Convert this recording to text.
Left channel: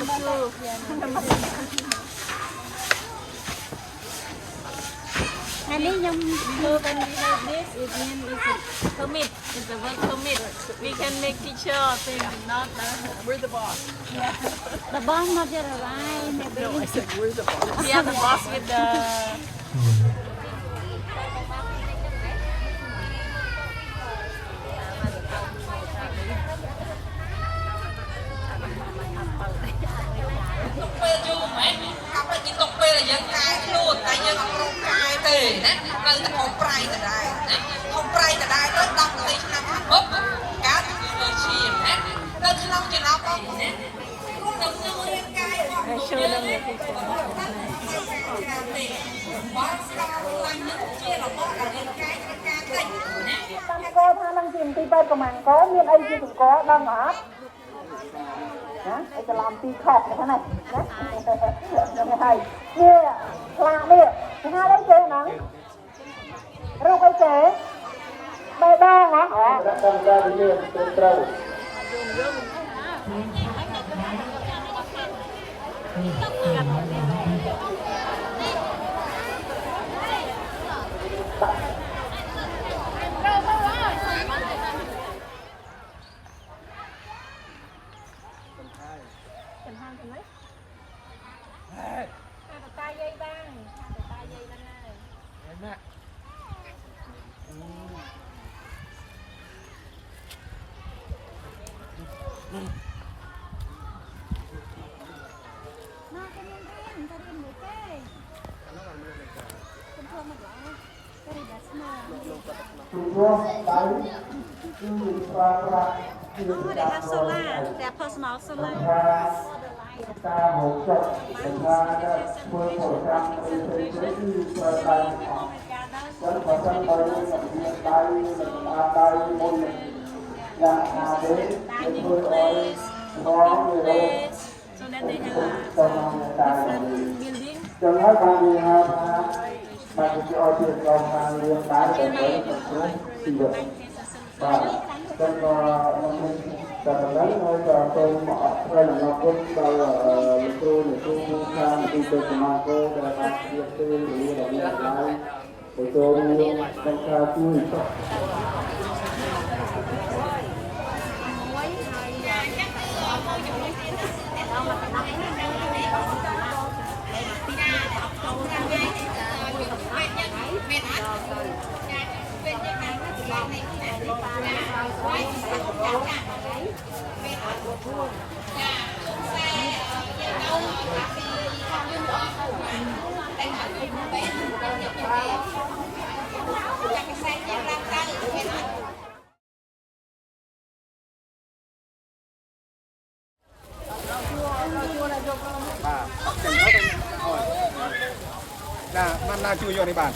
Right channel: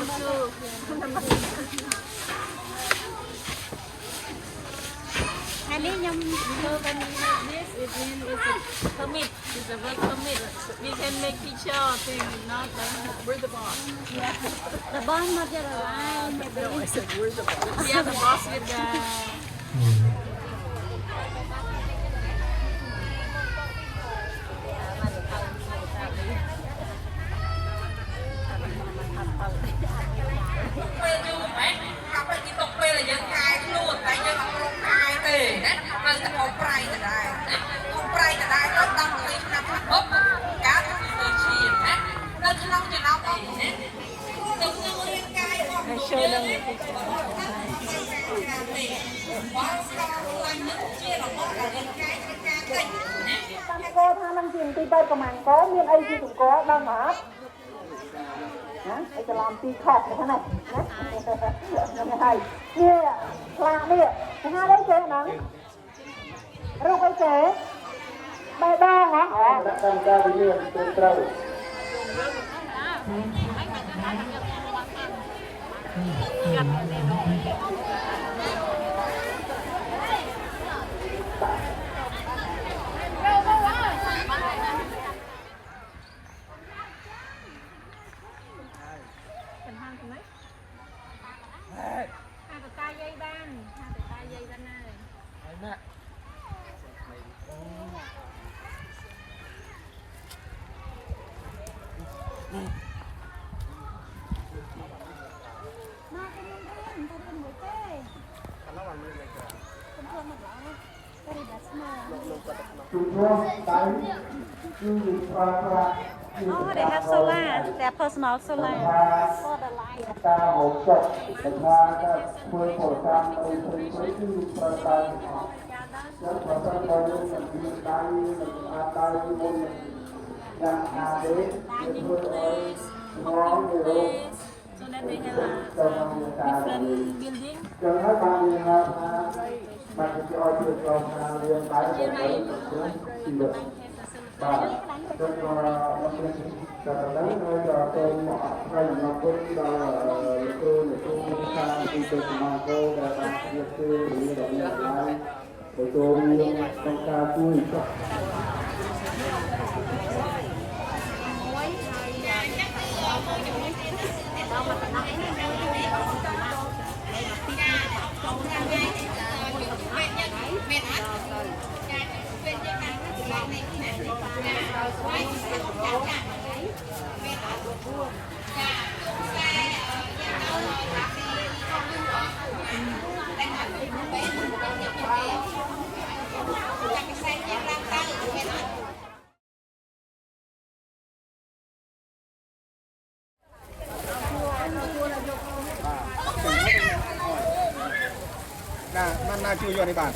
And then you move and like this, it means it's a commit, it's a work commit. We can make picture or thing, not we're the boss. Yeah. The boss not just around. No, I said we're the boss. We are the boss with the.เราจะเอาไปก็ได้เอาไปก็ได้เราดังเลยนะปุ๊บการทำเลยชีมนะเราจะต้องจะนับเองนะเราจะเรียนกายออกตัวเยอะเลยว่าเราลังนึกเชื่อเราบอกเราเรียนกายการเต้นนะ có tha năng tiền ti bay của mình có miền ấy thì cũng có đang hả hả aiจะlàm ti khọt như thế này nhé hay kia là đi hai đấy chế nắng rau cái chế bay đo hả đã tham gia với nhiều tên trâu Their personal solar. การหกจดเป็นงานก็เพื่อผลการไปเป็นพื้นที่เปิดการออกวันก่อนตั้งแต่เดือนมีไปอาไปบนอย่างอาเดนเป็นเพื่ออ้อยน้องเลย So that they have different building. ยังให้การเรียนครับการจะเอาเรื่องการเรียนการสอนสิ่งเดียวว่าเป็นว่าแต่ละนั้นเราเป็นเราเป็นเราตัวทางอินเตอร์สมาคมและตัวนี้อย่างนี้ตัวนี้เป็นการที่มันน่าช่วยอยู่ในบ้าน